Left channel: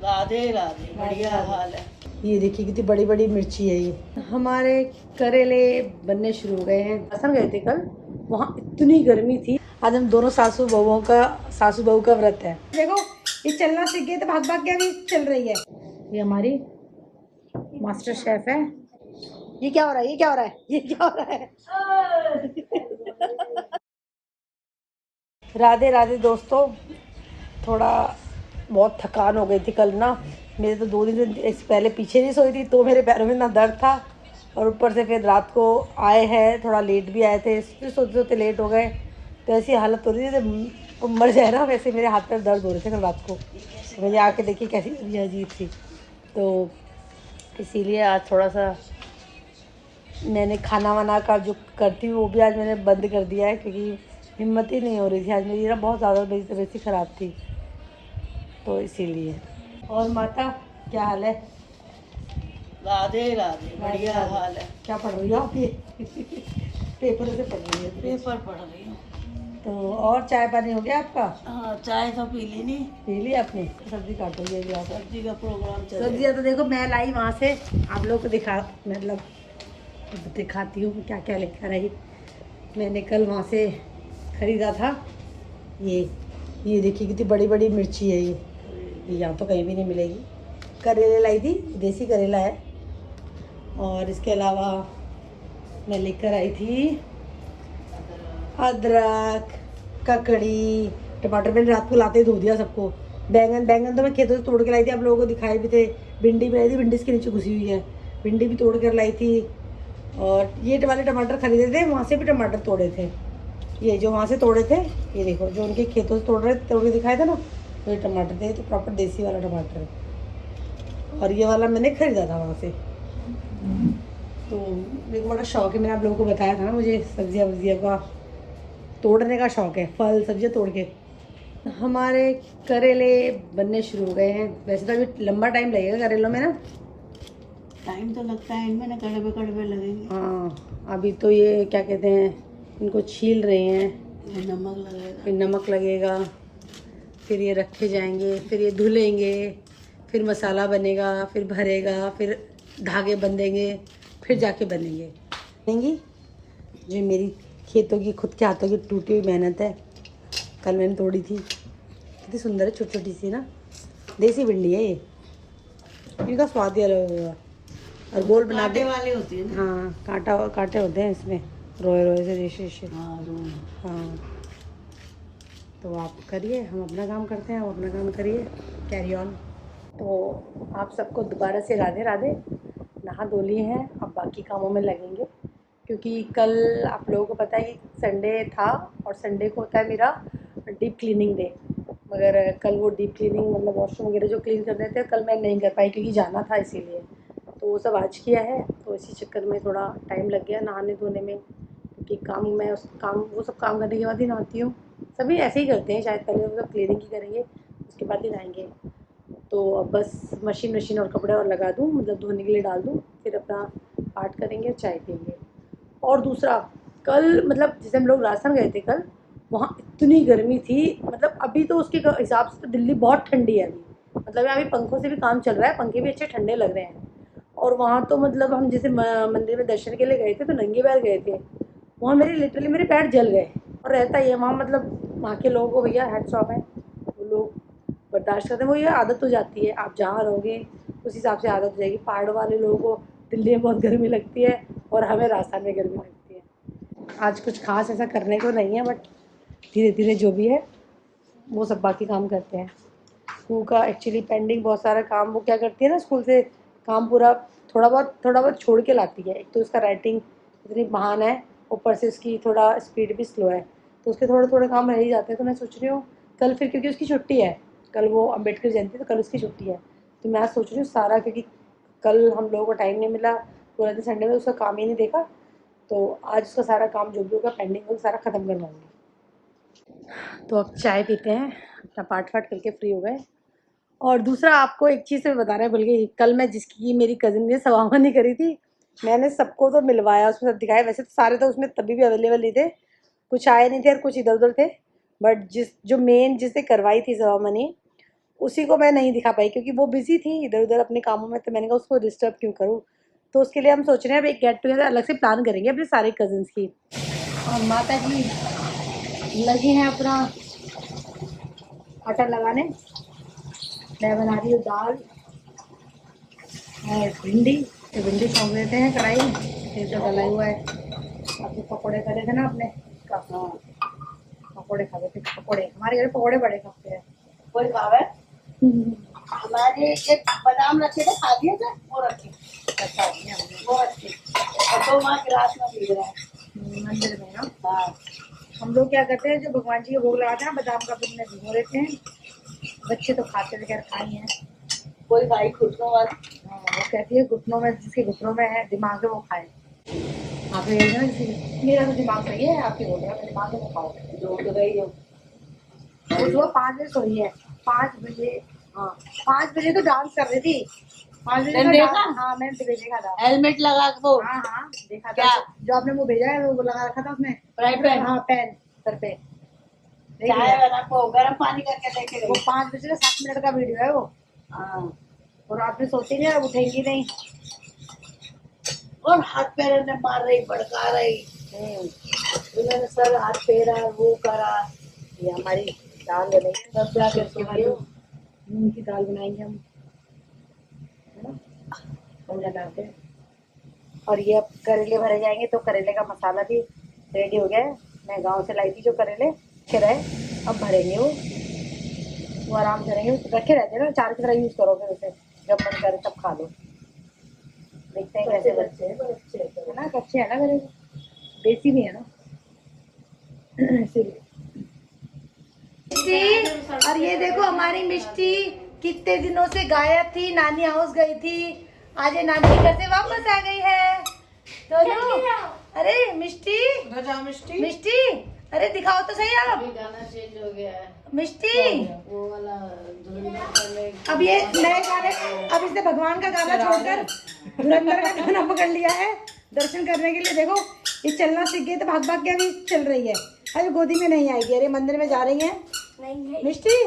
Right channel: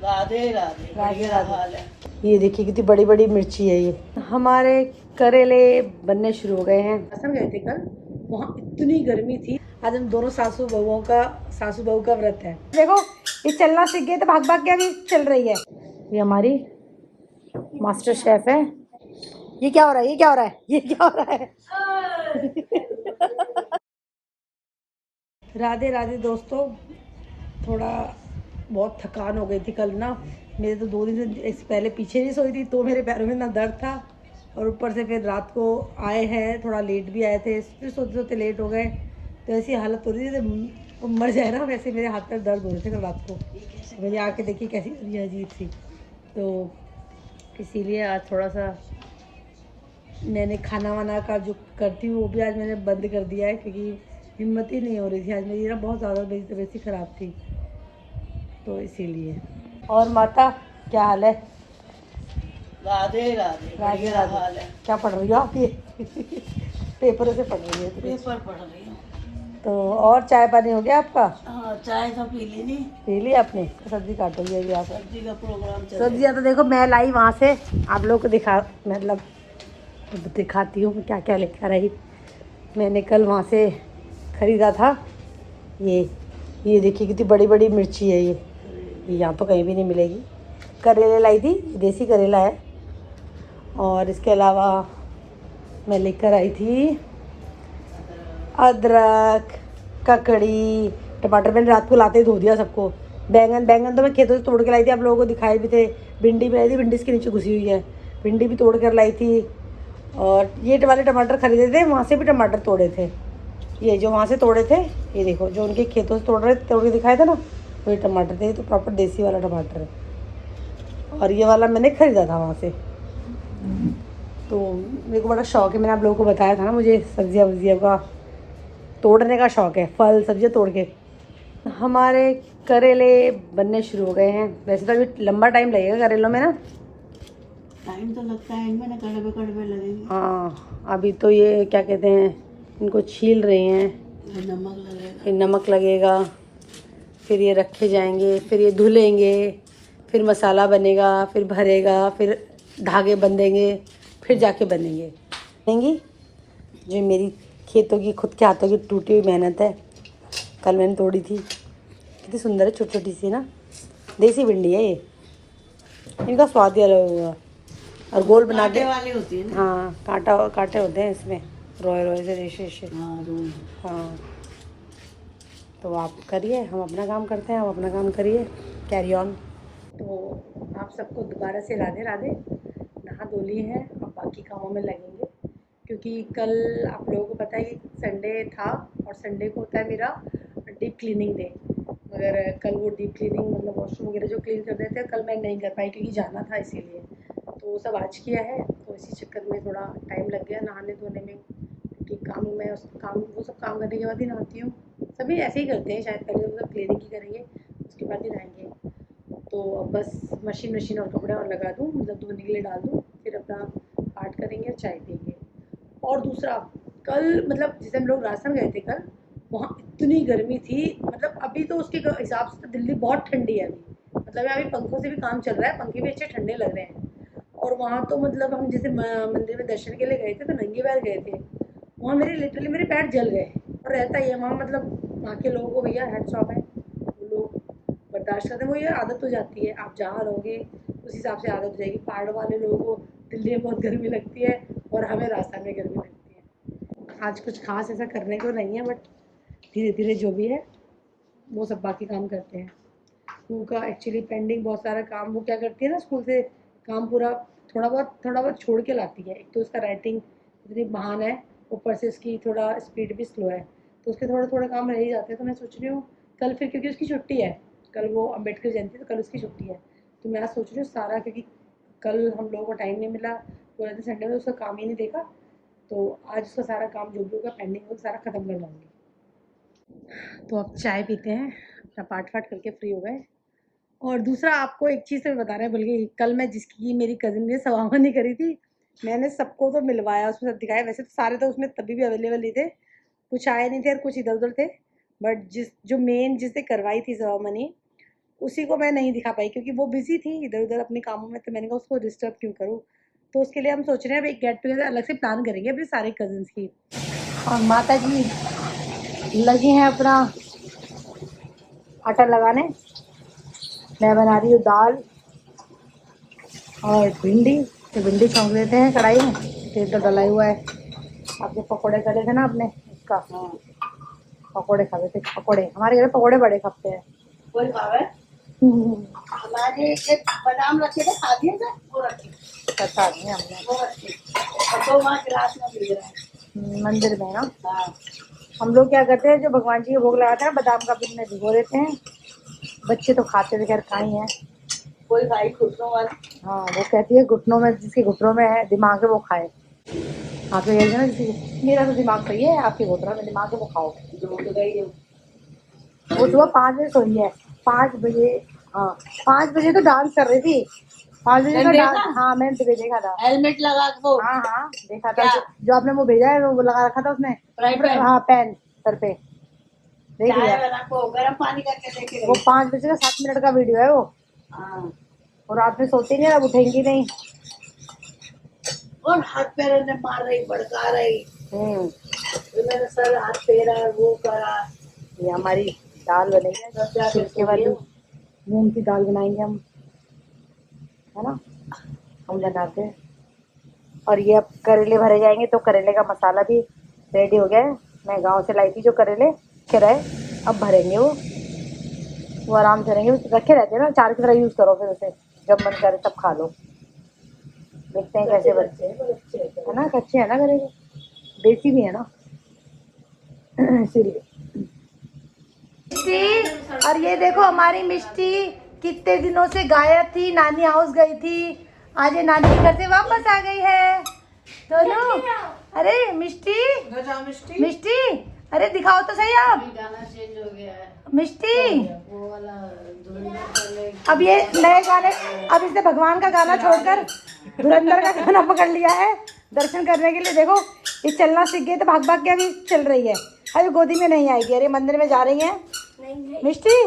राधे राधे, बढ़िया हाल है। ये देखिए कितनी बड़ी बड़ी मिर्ची है ये। हमारे करेले बनने शुरू हो गए हैं। असम गए थे कल, वहाँ इतनी गर्मी थी। आज हम दोनों सासू बहू का व्रत है। देखो ये चलना सीख गए तो भाग भाग के अभी चल रही है। ये हमारी मास्टर शेफ है। ये क्या हो रहा है, ये क्या हो रहा है, ये क्या हो रहा है? राधे राधे दोस्तों, थोड़ा बहुत थकान हो गई थी कल ना। मेरे तो 2 दिन से पहले पीछे नहीं सोई थी तो मेरे पैरों में इतना दर्द था, और ऊपर से फिर रात को आए हैं, थोड़ा लेट भी आए थे, फिर सोते सोते लेट हो गए। तो ऐसी हालत हो रही थी जैसे मर जाए ना, वैसे मेरे हाथ पैर दर्द हो रहे थे कल रात को। तो मैंने आके देखी कैसी ये अजीब थी, तो इसीलिए आज थोड़ा सा मैंने खाना वाना का जो करती हूँ वो भी आज मैंने बंद कर दिया है, क्योंकि हिम्मत ही नहीं हो रही थी आज मेरी ना, बहुत ज़्यादा मेरी तबीयत ही ख़राब थी, तो इसीलिए। और माता क्या हाल है? राधे राधे, बढ़िया हाल है। क्या पढ़ रही हो आप? ये पेपर से पढ़ रही है? पेपर पढ़ रही हूँ। तो और चाय पानी हो गया आपका? हाँ, चाय तो पी ली नहीं। पी ली आपने? सब्जी काटो ये भी। सब्जी का प्रोग्राम चल सब्जियाँ तो देखो मैं लाई वहाँ से, आप लोग को मतलब दिखाती हूँ क्या क्या लेकर आई। मैंने कल वहाँ से ख़रीदा था ये देखिए कितनी बड़ी बड़ी मिर्ची है ये यहाँ तो कहीं भी नहीं मिलेगी। करेले लाई थी, देसी करेला है। और इसके अलावा मैं लेकर आई थी अदरक, ककड़ी, टमाटर मैंने रात को लाते ही धो दिया सबको। बैंगन तो मैं खेतों से तोड़ के लाई थी, आप लोगों को दिखाए भी थे। भिंडी भी लाई थी, भिंडी इसके नीचे घुसी हुई है, भिंडी भी तोड़ कर लाई थी। और ये वाले टमाटर खरीदे थे, वहाँ से भी टमाटर तोड़े थे। ये जो वहाँ से तोड़े थे, ये देखो जो उनके खेतों से तोड़ के दिखाए थे ना, वही टमाटर थे, तो प्रॉपर देसी वाला टमाटर है। और ये वाला मैंने ख़रीदा था वहाँ से। तो मेरे को बड़ा शौक़ है, मैंने आप लोगों को बताया था ना, मुझे सब्जियाँ वब्जियाँ का तोड़ने का शौक़ है, फल सब्जियाँ तोड़ के। हमारे करेले बनने शुरू हो गए हैं। वैसे तो अभी लंबा टाइम लगेगा करेलों में ना, टाइम तो लगता है इनमें ना, कड़वे कड़वे लगेंगे। हाँ, अभी तो ये क्या कहते हैं, इनको छील रहे हैं, नमक लगेगा, फिर नमक लगेगा, फिर ये रखे जाएंगे, फिर ये धुलेंगे, फिर मसाला बनेगा, फिर भरेगा, फिर धागे बंधेंगे, फिर जाके बनेंगे। जो मेरी खेतों की, खुद के हाथों की टूटी हुई मेहनत है, कल मैंने तोड़ी थी। कितनी सुंदर है, छोटी छोटी सी ना, देसी भिंडी है ये। इनका स्वाद ही अलग होगा। और गोल बना दे वाली होती है ना। हाँ, कांटे होते हैं इसमें, रोए से रेशे। हाँ, तो आप करिए, हम अपना काम करते हैं, आप अपना काम करिए, कैरी ऑन। तो आप सबको दोबारा से राधे राधे। नहा धो लिए हैं, अब बाकी कामों में लगेंगे, क्योंकि कल आप लोगों को पता है कि संडे था, और संडे को होता है मेरा डीप क्लीनिंग डे। मगर कल वो डीप क्लीनिंग मतलब वॉशरूम वगैरह जो क्लीन करने थे, कल मैं नहीं कर पाई क्योंकि जाना था, इसीलिए। तो वो सब आज किया है, तो इसी चक्कर में थोड़ा टाइम लग गया नहाने धोने में, क्योंकि वो सब काम करने के बाद ही नहाती हूँ। सभी ऐसे ही करते हैं शायद, पहले वो सब क्लीनिंग ही करेंगे, उसके बाद ही नहाएंगे। तो अब बस मशीन और कपड़े और लगा दूँ, मतलब धोने के लिए डाल दूँ, फिर अपना पाठ करेंगे और चाय पियेंगे। और दूसरा, कल मतलब जैसे हम लोग राजस्थान गए थे कल, वहाँ इतनी गर्मी थी, मतलब अभी तो उसके हिसाब से तो दिल्ली बहुत ठंडी है अभी, मतलब यहाँ अभी पंखों से भी काम चल रहा है, पंखे भी अच्छे ठंडे लग रहे हैं। और वहाँ तो मतलब हम जैसे मंदिर में दर्शन के लिए गए थे, तो नंगे पैर गए थे, वहाँ लिटरली मेरे पैर जल गए। और रहता ही है वहाँ, मतलब वहाँ के लोगों को भैया हैट्स ऑफ है, वो लोग बर्दाश्त करते हैं, वो ये आदत हो जाती है, आप जहाँ रहोगे उस हिसाब से आदत हो जाएगी। पहाड़ वाले लोगों को दिल्ली में बहुत गर्मी लगती है, और हमें राजस्थान में गर्मी लगती है। आज कुछ खास ऐसा करने को नहीं है, बट धीरे धीरे जो भी है वो सब बाकी काम करते हैं। स्कूल का एक्चुअली पेंडिंग बहुत सारा काम, वो क्या करती है ना, स्कूल से काम पूरा थोड़ा बहुत छोड़ के लाती है। एक तो उसका राइटिंग इतनी महान है, ऊपर से उसकी थोड़ा स्पीड भी स्लो है, तो उसके थोड़े काम रह ही जाते हैं। तो मैं सोच रही हूँ कल फिर, क्योंकि उसकी छुट्टी है, कल वो अम्बेडकर जयंती, तो कल उसकी छुट्टी है, तो मैं सोच रही हूँ सारा, क्योंकि कल हम लोगों को टाइम नहीं मिला, पूरा दिन संडे में उसका काम ही नहीं देखा, तो आज उसका सारा काम जो भी होगा पेंडिंग होगा सारा ख़त्म करवाऊँगी। तो अब चाय पीते हैं, अपना पाठ करके फ्री हो गए। और दूसरा आपको एक चीज़ से बताना भूल गई, कल मैं जिसकी मेरी कज़िन ने सवामनी करी थी, मैंने सबको तो मिलवाया, उसमें सब दिखाया। वैसे तो सारे तो उसमें तभी भी अवेलेबल नहीं थे, कुछ आए नहीं थे और कुछ इधर उधर थे, बट जो मेन जिससे करवाई थी सवामनी, उसी को मैं नहीं दिखा पाई क्योंकि वो बिजी थी इधर उधर अपने कामों में, तो मैंने कहा उसको डिस्टर्ब क्यों करूँ। तो उसके लिए हम सोच रहे हैं अब एक गेट टुगेदर अलग से प्लान करेंगे अपने सारे कजिन्स की। और माता जी लगी हैं अपना आटा लगाने, मैं बना रही हूँ दाल और भिंडी। तो भिंडी छौंक लेते हैं कढ़ाई में, तेल तो डला हुआ है। आपने पकौड़े करे थे ना अपने का, पकौड़े खा थे, पकौड़े हमारे घर पकौड़े बड़े खपते हैं। कोई खावे हमारे एक बादाम रखे थे, खा दिए थे, वो रखे हमने, वो रखे और 2 माह गिलास में पी रहा है मंदिर में ना। हाँ। हम लोग क्या करते हैं, जो भगवान जी के भोग लगाते हैं बादाम का दूध में भिगो देते हैं। बच्चे तो खाते थे, खैर खाई हैं, कोई खाई घुटनों वाला। हाँ वो कहती है घुटनों में, जिसके घुटनों में है दिमाग है वो खाए। आप लोग ना, मेरा तो दिमाग सही है, आपके घुटनों में दिमाग है वो खाओ। जो तो गई हो वो सुबह 5 बजे सोई है, 5 बजे, हाँ 5 बजे तो डांस कर रही थी, 5 बजे तो देखा? हाँ मैंने देखा था। हेलमेट लगा वो, हाँ हाँ देखा क्या? था, जो आपने वो भेजा है वो लगा रखा था उसने, हाँ पैन सर पे। चाय बना को गर्म पानी करके लेके वो 5 बजे का 7 मिनट का वीडियो है वो। हाँ। और रात में सोती नहीं, अब उठेंगी नहीं, और हाथ पैर ने मार रही, भड़का रही, तो मैंने सर हाथ फेरा, वो करा। ये हमारी दाल बनेगी, मूंग की दाल बनाएंगे हम, है ना, हम बनाते हैं। और ये अब करेले भरे जाएंगे, तो करेले का मसाला भी रेडी हो गया है। मैं गांव से लाई थी जो करेले रखे रहे, अब भरेंगे वो आराम से रहेंगे, रखे रहते हैं ना, चार की तरह यूज़ करो, फिर उसे जब मन करे तब खा लो। देखते हैं कैसे बनते हैं, है ना, कच्चे है ना करेले, देसी भी है ना इसीलिए। और ये देखो हमारी मिष्टी कितने दिनों से गायब थी, नानी हाउस गई थी, आज ये नानी के घर से वापस आ गई है। दोनों, अरे मिष्टी मिष्टी, अरे दिखाओ तो सही आप, गाना चेंज हो गया है मिष्टी। वो वाला। अब ये नए गाने, अब इसने भगवान का गाना छोड़कर धुरंधर का गाना पकड़ लिया है दर्शन करने के लिए। देखो ये चलना सीख गई, तो भाग भाग के अभी चल रही है, अभी गोदी में नहीं आएगी। अरे मंदिर में जा रही है मिष्टी,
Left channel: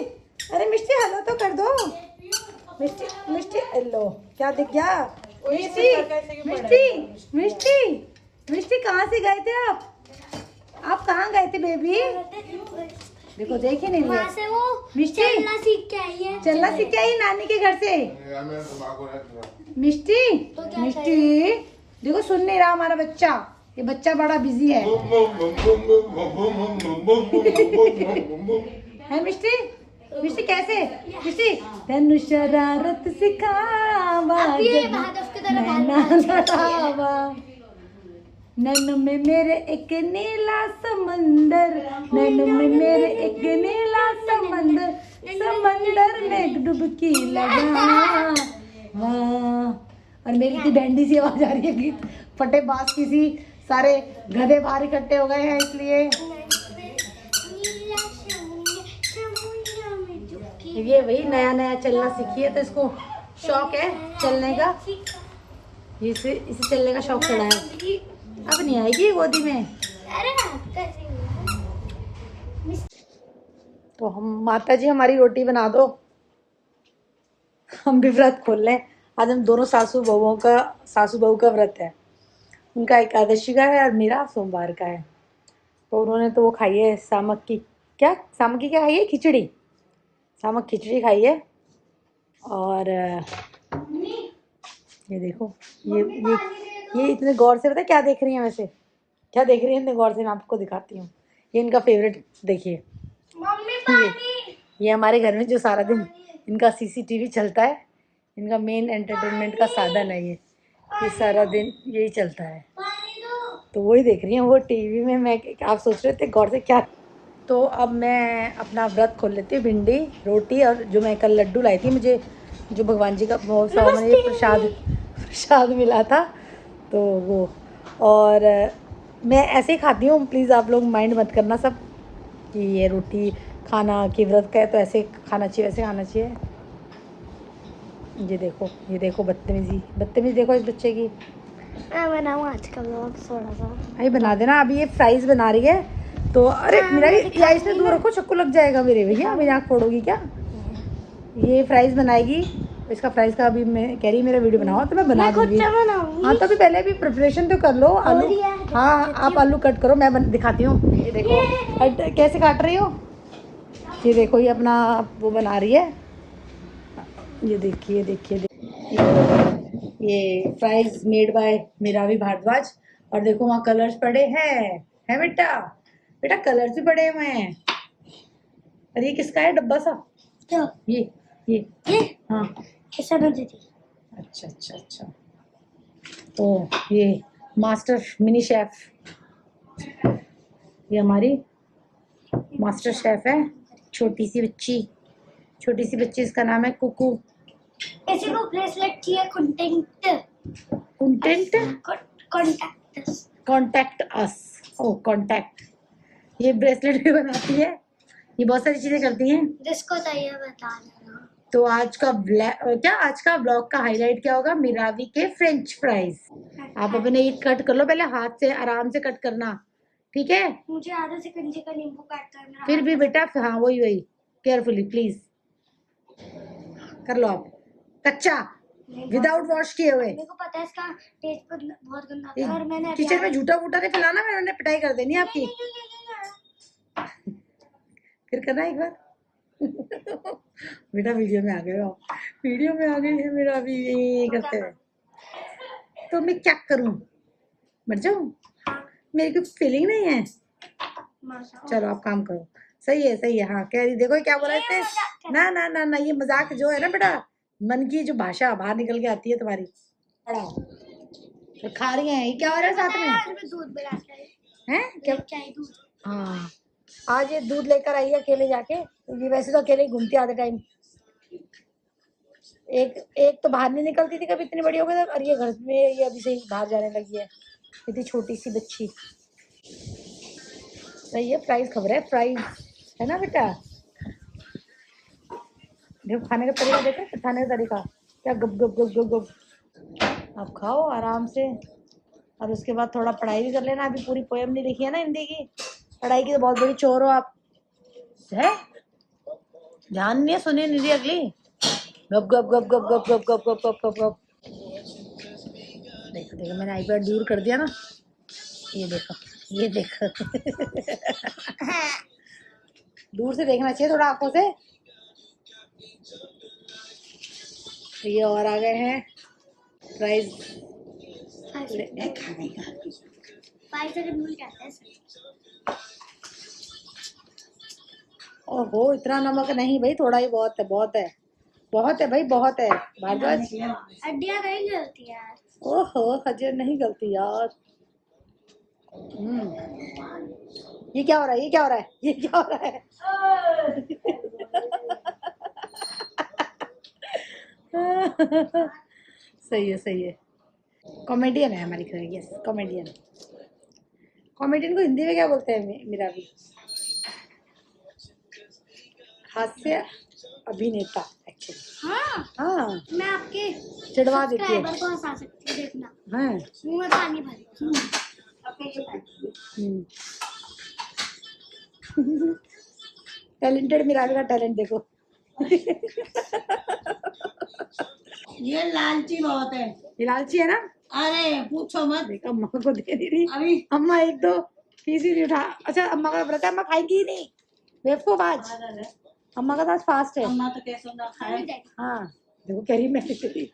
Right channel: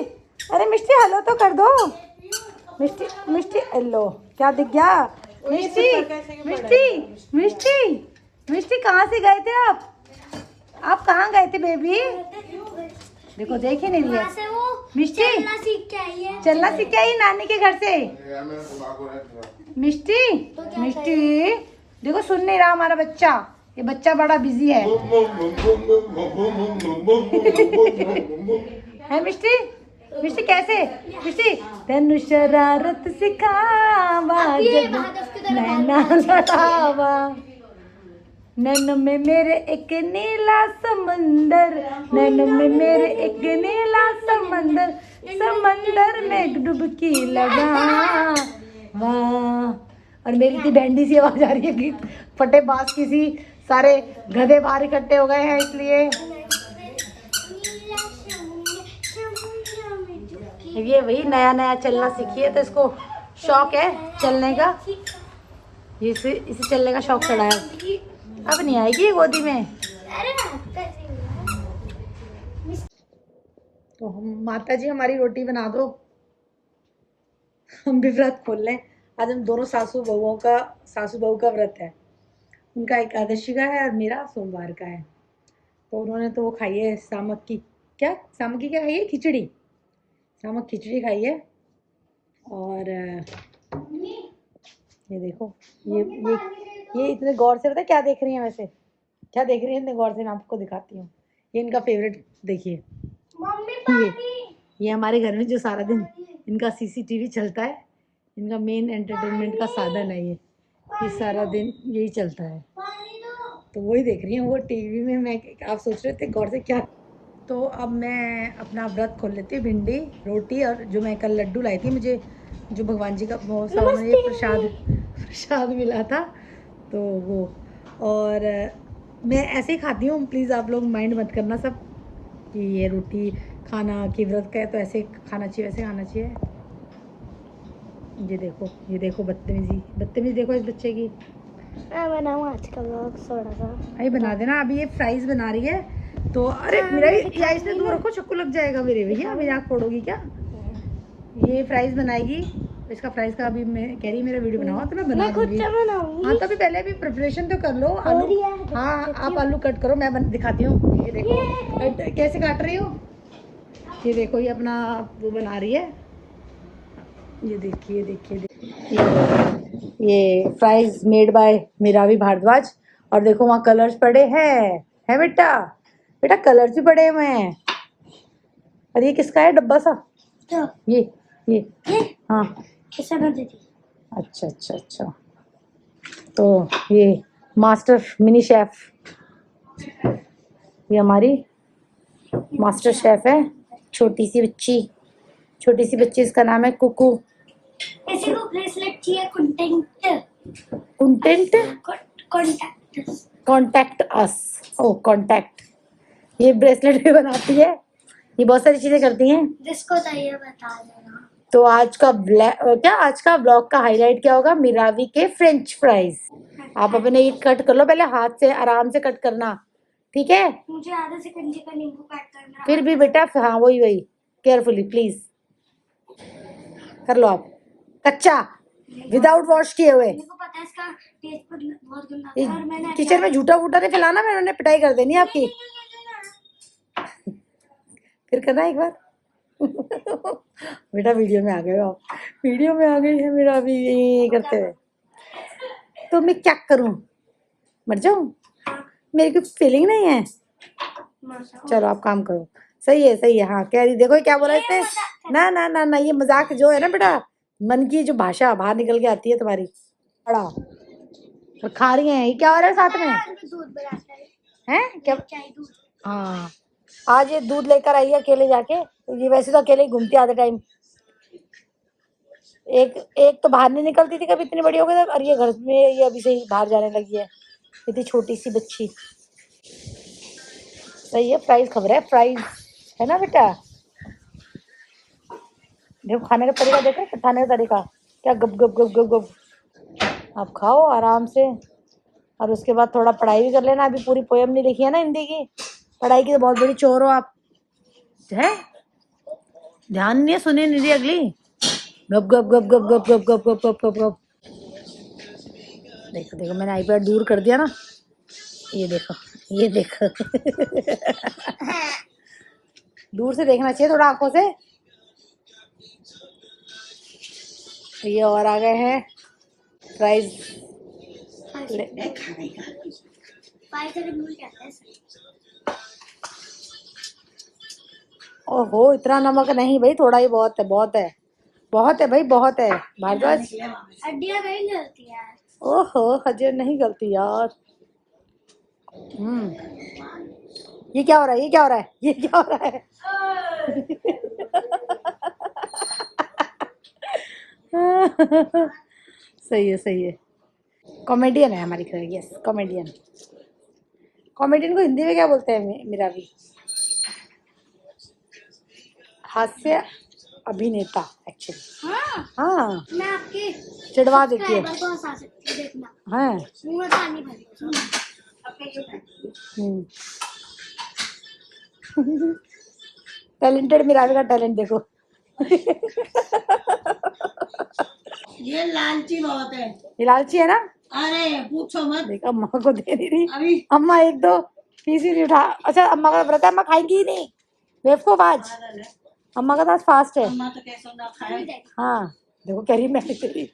अरे मिष्टी हेलो तो कर दो, मिष्टी मिष्टी हेलो, क्या दिख गया मिष्टी, मिष्टी मिष्टी मिष्टी, कहाँ से गए थे आप कहाँ गए थे बेबी? देखो देखे नहीं लिया मिष्टी, चलना सीख के आई नानी के घर से। मिष्टी मिष्टी देखो सुन नहीं रहा हमारा बच्चा, ये बच्चा बड़ा बिजी है है मिष्टी, मिष्टी कैसे मिष्टी? तेनु शरारत सिखावा नैना लड़ावा, नैन में मेरे एक नीला समंदर, नैन में मेरे एक नीला समंदर, समंदर में डुबकी लगा वाह। और मेरी इतनी बैंडी सी आवाज आ रही है, गीत फटे बास की सी, सारे गधे बाहर इकट्ठे हो गए हैं इसलिए। ये वही नया नया चलना सीखी है, तो इसको शौक है चलने का, इसे चलने का शौक चढ़ा है। अब नहीं आएगी गोदी में। तो हम माता जी हमारी रोटी बना दो, हम भी व्रत खोल लें। आज हम दोनों सासू बहू का व्रत है, उनका एकादशी का है और मेरा सोमवार का है। तो उन्होंने तो वो खाई है सामक की क्या खाई है, खिचड़ी, सामक खिचड़ी खाई है। और ये देखो ये इतने गौर से, पता है क्या देख रही हैं, वैसे क्या देख रही हैं इतने गौर से, मैं आपको दिखाती हूँ। ये इनका फेवरेट देखिए, ये हमारे घर में जो सारा दिन इनका CCTV चलता है, इनका मेन एंटरटेनमेंट का साधन है ये सारा दिन यही चलता है, तो वही देख रही हैं वो टीवी में। मैं आप सोच रहे थे गौर से क्या। तो अब मैं अपना व्रत खोल लेती हूँ, भिंडी रोटी, और जो मैं कल लड्डू लाई थी, मुझे जो भगवान जी का बहुत मैंने प्रसाद मिला था, तो वो, और मैं ऐसे ही खाती हूँ, प्लीज़ आप लोग माइंड मत करना सब कि ये रोटी खाना कि व्रत का है तो ऐसे खाना चाहिए वैसे खाना चाहिए। ये देखो बदतमीजी देखो इस बच्चे की। मैं बनाऊँ आज का व्लॉग थोड़ा सा, भाई बना देना। अभी ये फ्राइज बना रही है, तो अरे मीना या इसमें दूर रखो, चक्कू लग जाएगा मेरे भैया, मेरी आँख फोड़ोगी क्या? ये फ्राइज बनाएगी, इसका फ्राइज का अभी मैं कह रही मेरा वीडियो बनाओ तो मैं बना दूंगी। हाँ तो अभी पहले भी प्रिपरेशन तो कर लो। आलू, हाँ आप आलू कट करो, मैं दिखाती हूँ। ये देखो कैसे काट रही हो। ये देखो ये अपना वो बना रही है। ये देखिए देखिए ये फ्राइज मेड बाय मीरावी भारद्वाज। और देखो वहाँ कलर्स पड़े हैं, है बेटा, बेटा कलर्स भी पड़े हुए हैं। और ये किसका है डब्बा सा? क्या? ये हाँ ऐसा ना दीदी। अच्छा अच्छा अच्छा। तो ये मास्टर मिनी शेफ, ये हमारी मास्टर शेफ है। छोटी सी बच्ची, इसका नाम है कुकू। किसी को ब्रेसलेट चाहिए? Contact us. ओ कॉन्टैक्ट, ये ब्रेसलेट भी बनाती है, ये बहुत सारी चीजें करती हैं। जिसको चाहिए बता देना। तो आज का आज का ब्लॉग का हाईलाइट क्या होगा? मिरावी के फ्रेंच फ्राइज। आप अपने ये कट कर लो पहले, हाथ से आराम से कट करना, ठीक है? मुझे आधा से कंजे का नींबू काट करना। फिर भी बेटा, हाँ वही केयरफुली प्लीज कर लो आप, कच्चा विदाउट वॉश किए हुए। मेरे को पता है इसका टेस्ट बहुत गंदा है और मैंने किचन में झूठा वूटा नहीं फैलाना, मैंने पिटाई कर देनी आपकी। फिर करना एक बार। बेटा वीडियो में आ गए हो आप, वीडियो में आ गई है मेरा अभी ये करते हुए। तो मैं क्या करूं, मर जाऊं? मेरी कोई फीलिंग नहीं है। चलो आप काम करो। सही है हाँ कह रही। देखो क्या बोला इसने, ना ना ना ना, ये मजाक जो है ना बेटा, मन की जो भाषा बाहर निकल के आती है तुम्हारी। बड़ा और खा रही है। ये क्या हो रहा है साथ में? दूध बनाता है क्या? चाय दूध। हाँ आज ये दूध लेकर आई है अकेले जाके। ये वैसे तो अकेले ही घूमती आधे टाइम। एक तो बाहर नहीं निकलती थी कभी, इतनी बड़ी हो गई, और ये घर में ये अभी से ही बाहर जाने लगी है, इतनी छोटी सी बच्ची। सही है, फ्राइज खबर है, फ्राइज है ना बेटा। देखो खाने का तरीका, देखो खाने का तरीका क्या, गप गप गप गप गप। आप खाओ आराम से, और उसके बाद थोड़ा पढ़ाई भी कर लेना। अभी पूरी पोयम नहीं लिखी है ना हिंदी की, पढ़ाई की तो बहुत बड़ी चोर हो आप, है? ध्यान नहीं सुने नहीं अगली, गप गप गप गप गप गप गप गप गप गप गप। देखो देखो मैंने आईपैड दूर कर दिया ना, ये देखो ये देखो। दूर से देखना चाहिए थोड़ा आंखों से। ये और आ गए हैं फ्राइज खाने का। ओहो इतना नमक नहीं भाई, थोड़ा ही बहुत है, बहुत है, बहुत है भाई, बहुत है भारद्वाज। हड्डियां नहीं जलती यार। ओहो हजर नहीं गलती यार। ये क्या हो रहा है, ये क्या हो रहा है, ये क्या हो रहा है? सही है। कॉमेडियन है हमारी घर, यस कॉमेडियन। कॉमेडियन को हिंदी में क्या बोलते हैं मेरा भी? हास्य अभिनेता एक्चुअली। हाँ मैं आपके चिढ़वा देती है। को हंसा सकती हूँ, देखना। हाँ मुंह में पानी भर। टैलेंटेड मिरावी का टैलेंट देखो। ये लालची बहुत है, ये लालची है ना। अरे पूछो मत। देख अम्मा को दे नहीं रही अभी अम्मा, एक दो पीस ही नहीं उठा। अच्छा अम्मा का व्रत है, अम्मा खाएगी ही नहीं बेवकूफ आज, अम्मा का तो आज फास्ट है। अम्मा तो कैसे ना खाए। हाँ देखो कह रही मैं तेरी।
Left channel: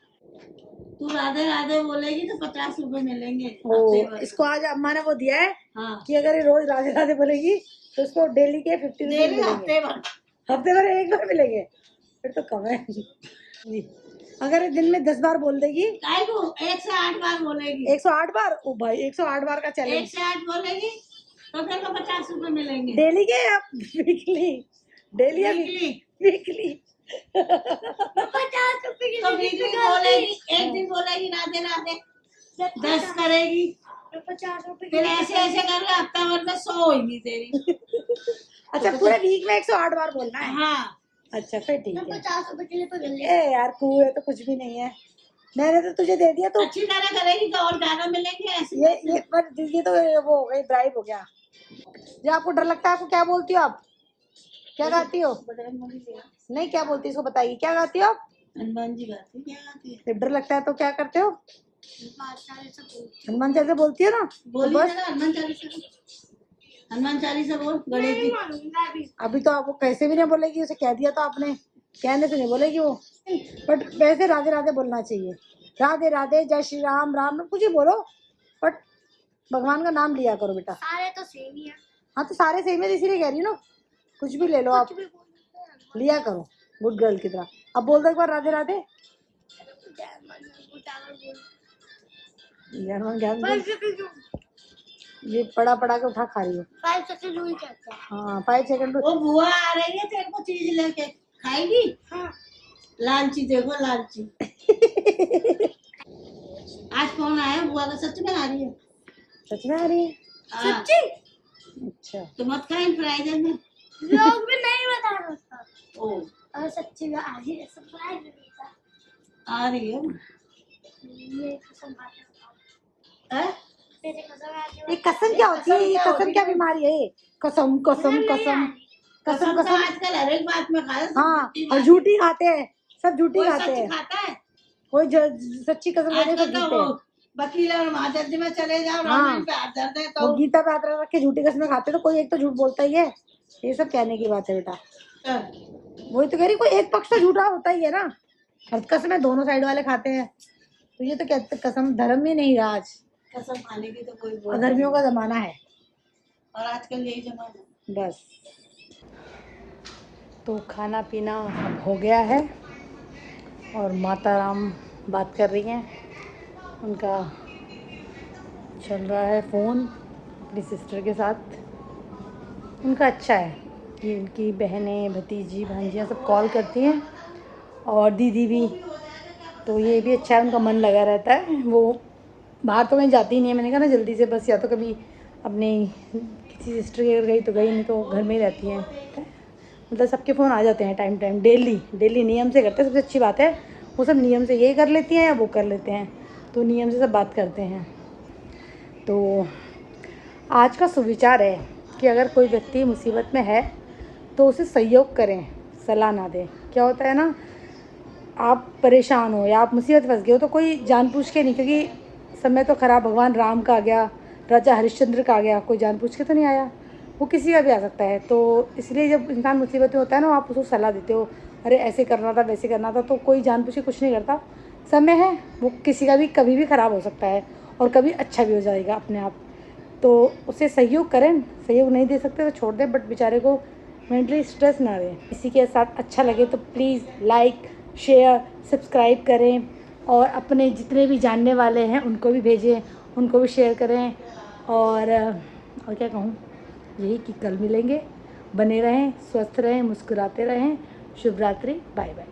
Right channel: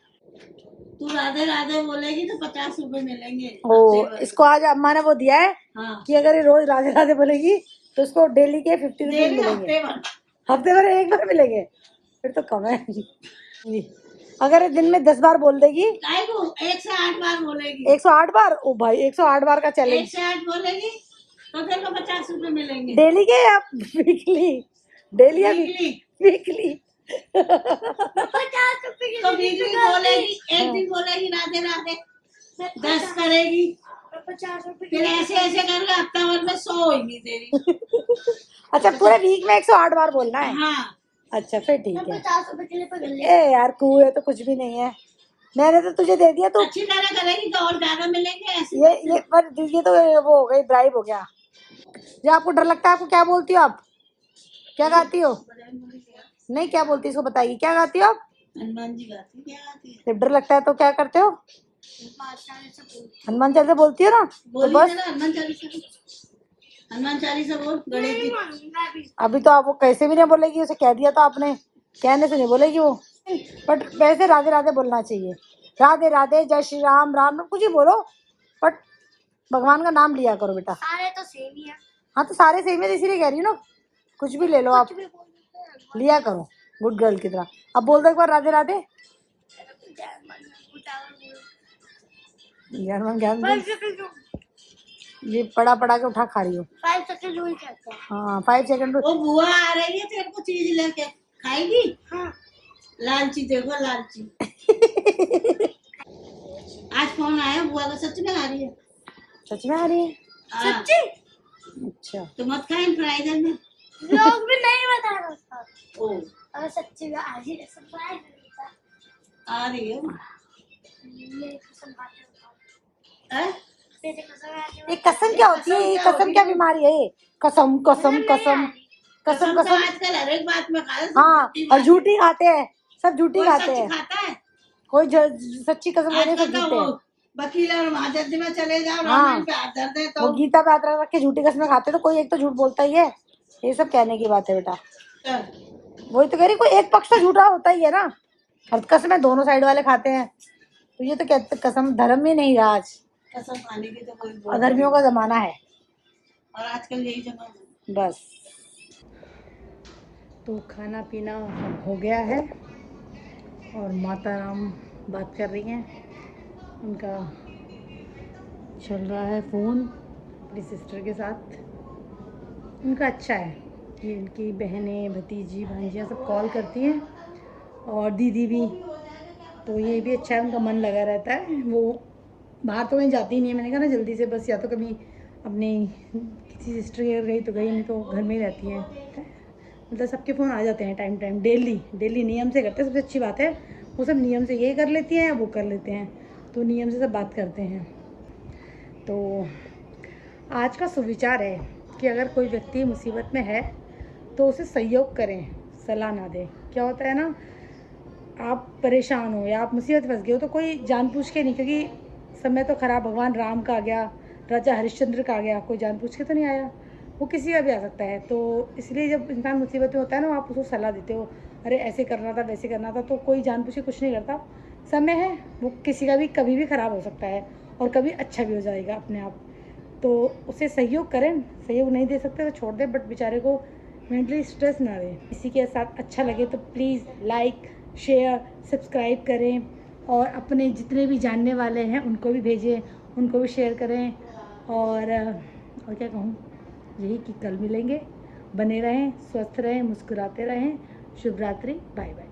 तू राधे राधे बोलेगी तो 50 रुपए मिलेंगे। ओ इसको आज अम्मा ने वो दिया है कि अगर ये रोज राधे राधे बोलेगी तो उसको डेली के 50 रुपए मिलेंगे। हफ्ते भर एक बार मिलेंगे, फिर तो कम है। अगर दिन में 10 बार बोल देगी, 108 बार बोलेगी। 108 बार? ओ भाई 108 बार का चैलेंज। 108 बोलेगी तो फिर तो 50 रुपए मिलेंगे। डेली के या वीकली? डेली या वीकली? 50 रुपए की तो वीकली बोलेगी, एक दिन बोलेगी राधे राधे, 10 करेगी, 50 रुपए फिर ऐसे ऐसे करके हफ्ता भर में 100 होगी तेरी। अच्छा पूरे वीक में 108 बार बोलना है? हाँ अच्छा फिर ठीक है। 50 रुपए के लिए पकड़ ले। ए यार कुएं तो कुछ भी नहीं है, मैंने तो तुझे दे दिया। तो अच्छी तरह करेगी तो और ज्यादा मिलेंगे ऐसे। ये तो वो हो गई, ब्राइब हो गया। जो आपको डर लगता है, आपको क्या बोलती हो आप, क्या खाती हो? नहीं, क्या बोलती है इसको बताइए, क्या गाती हो आप? हनुमान जी गाती, क्या गाती है? जब डर लगता है तो क्या करते हो? बादशाह ने सब बोल हनुमान चालीसा बोलती हो ना, तो बोली बस। ना हनुमान चालीसा बोल, हनुमान चालीसा बोल, गणेश जी। मैं भी अभी तो आप वो कैसे भी नहीं बोलेगी, उसे कह दिया तो आपने, कहने से नहीं बोलेगी वो। बट वैसे राधे राधे बोलना चाहिए, राधे राधे, जय श्री राम, राम राम, कुछ ही बोलो, बट भगवान का नाम लिया करो बेटा। सारे तो सेम ही है, हाँ तो सारे सेम है, इसीलिए कह रही हूँ ना, कुछ भी ले लो आप, कुछ भी बोल देते हैं। लिया करो गुड गर्ल की तरह। अब बोल दो एक बार राधे राधे। ज्ञान ज्ञान दे। 5 सेकंड ये पड़ा पड़ा के उठा खा रही हो। 5 सेकंड रूल कहते हैं। हाँ 5 सेकंड। वो बुआ आ रही है तेरे को चीज लेके, खाएगी? हाँ। लालची, देखो लालची। आज फोन आया बुआ का, सच में आ रही है। सच में आ रही है? हाँ, अच्छा तो मत खाए फ्राइडे में। लोग भी नहीं बता रहा था, ओ, और सच्ची में आज ही सरप्राइज मिलता आ रही है। मेरी कसम खाते हो, हैं? तेरे कसम आते ये कसम क्या होती है? ये कसम क्या बीमारी है? ये कसम कसम कसम कसम तो कसम। आजकल हर एक बात में खा रहे, सब हाँ झूठी और बात। झूठी खाते हैं, सब झूठी कोई खाते सच हैं, खाता है? कोई सच्ची कसम लेने सब आजकल तो झूठे वो हैं। वकील और महाजज में चले जाओ, हाँ। रामायण पे हाथ धरते हैं वो तो गीता पे हाथ रख के झूठी कसमें खाते हैं, तो कोई एक तो झूठ बोलता ही है। ये सब कहने की बात है बेटा, वही तो कह रही, कोई एक पक्ष तो झूठा होता ही है ना। हर कसमें दोनों साइड वाले खाते हैं, तो ये तो कहते कसम धर्म ही नहीं रहा आज, कसम खाने की तो कोई बोल अधर्मियों का जमाना है और आजकल यही जमाना। बस। तो खाना पीना सब हो गया है और माता राम बात कर रही हैं, उनका चल रहा है फ़ोन अपनी सिस्टर के साथ। उनका अच्छा है कि इनकी बहनें, भतीजी, भांजियाँ सब कॉल करती हैं और दीदी भी, तो ये भी अच्छा है, उनका मन लगा रहता है। वो बाहर तो कहीं जाती ही नहीं है, मैंने कहा ना जल्दी से, बस या तो कभी अपनी किसी सिस्टर के घर गई तो गई, नहीं तो घर में ही रहती हैं। मतलब सबके फ़ोन आ जाते हैं टाइम टाइम, डेली नियम से करते हैं, सबसे अच्छी बात है। वो सब नियम से ये कर लेती हैं या वो कर लेते हैं, तो नियम से सब बात करते हैं। तो आज का सुविचार है कि अगर कोई व्यक्ति मुसीबत में है तो उसे सहयोग करें, सलाह ना दें। क्या होता है ना, आप परेशान हो या आप मुसीबत फंस गए हो तो कोई जानबूझ के नहीं, क्योंकि समय तो ख़राब भगवान राम का आ गया, राजा हरिश्चंद्र का आ गया, कोई जानबूझ के तो नहीं आया, वो किसी का भी आ सकता है। तो इसलिए जब इंसान मुसीबत में होता है ना, आप उसको सलाह देते हो, अरे ऐसे करना था, वैसे करना था, तो कोई जानबूझ के कुछ नहीं करता। समय है, वो किसी का भी कभी भी ख़राब हो सकता है और कभी अच्छा भी हो जाएगा अपने आप। तो उसे सहयोग करें, सहयोग नहीं दे सकते तो छोड़ दें, बट बेचारे को मेंटली स्ट्रेस ना दें। किसी के साथ अच्छा लगे तो प्लीज़ लाइक, शेयर, सब्सक्राइब करें और अपने जितने भी जानने वाले हैं उनको भी भेजें, उनको भी शेयर करें। और क्या कहूँ, यही कि कल मिलेंगे। बने रहें, स्वस्थ रहें, मुस्कुराते रहें। शुभ रात्रि, बाय बाय।